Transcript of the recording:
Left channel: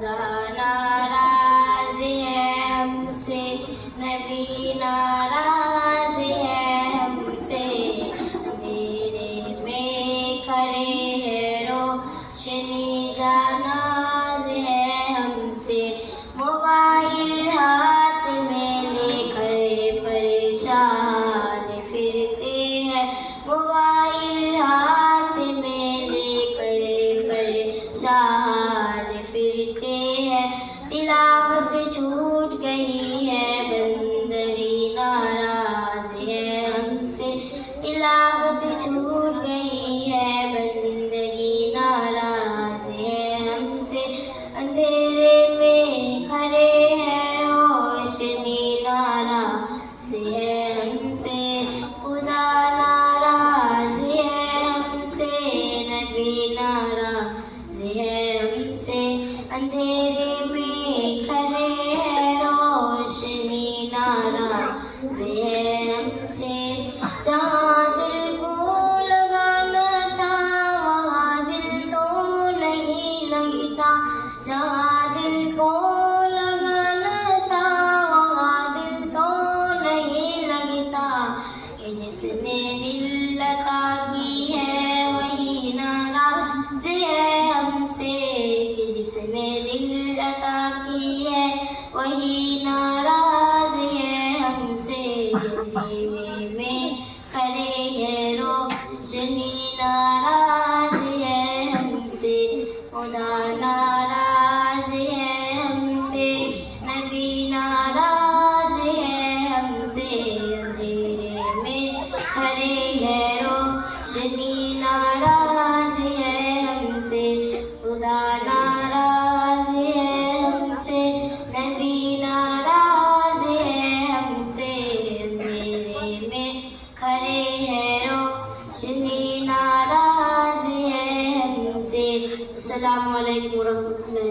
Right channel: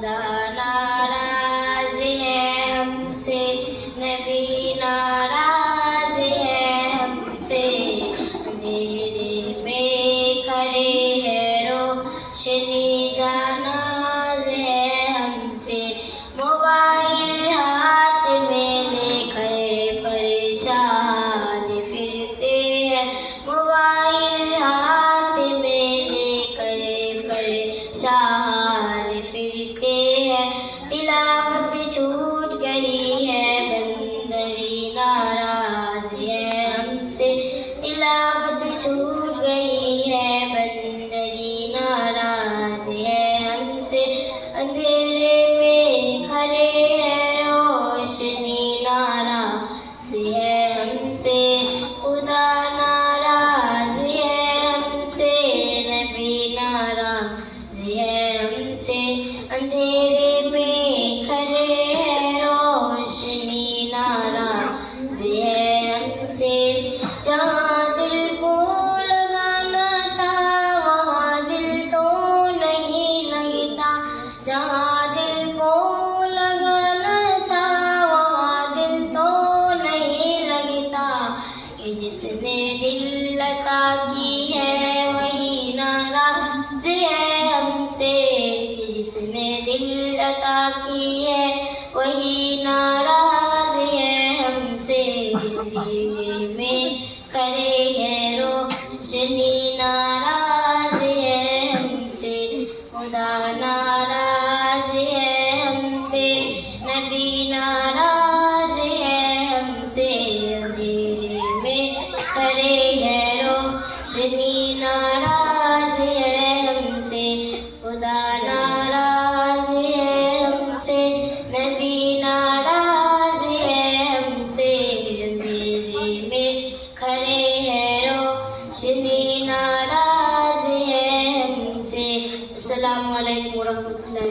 खुदा नाराज है हमसे, नबी नाराज है हमसे। अंधेरे में खड़े हैं रोशनी जानाज है हमसे। मोबाइल हाथ में लेकर परेशान फिरते हैं, मोबाइल हाथ में लेकर परेशान फिरते हैं। तिलावत छूट गई है, बंदगी नाराज है हमसे। तिलावत छूट गई है, बंदगी नाराज है हमसे। अंधेरे में खड़े हैं रोशनी नाराज है हमसे। खुदा नाराज है हमसे, नबी नाराज है हमसे। अंधेरे में खड़े हैं रोशनी नाराज है हमसे। जहाँ दिल को लगाना था वहाँ दिल तो नहीं लगता, जहाँ दिल को लगाना था वहाँ दिल तो नहीं लगता। कि जिसने दिल लता की है वही नाराज है हमसे, कि जिसने दिल लता की है वही नाराज है हमसे। अंधेरे में खड़े हैं रोशनी नाराज है हमसे। खुदा नाराज है हमसे, नबी नाराज है हमसे। अंधेरे में खड़े हैं रोशनी नाराज है हमसे। खुदा नाराज है हमसे, नबी नाराज है हमसे। अंधेरे में खड़े हैं रोशनी नाराज है हमसे। अस्सलामु अलैकुम वरहमतुल्लाह।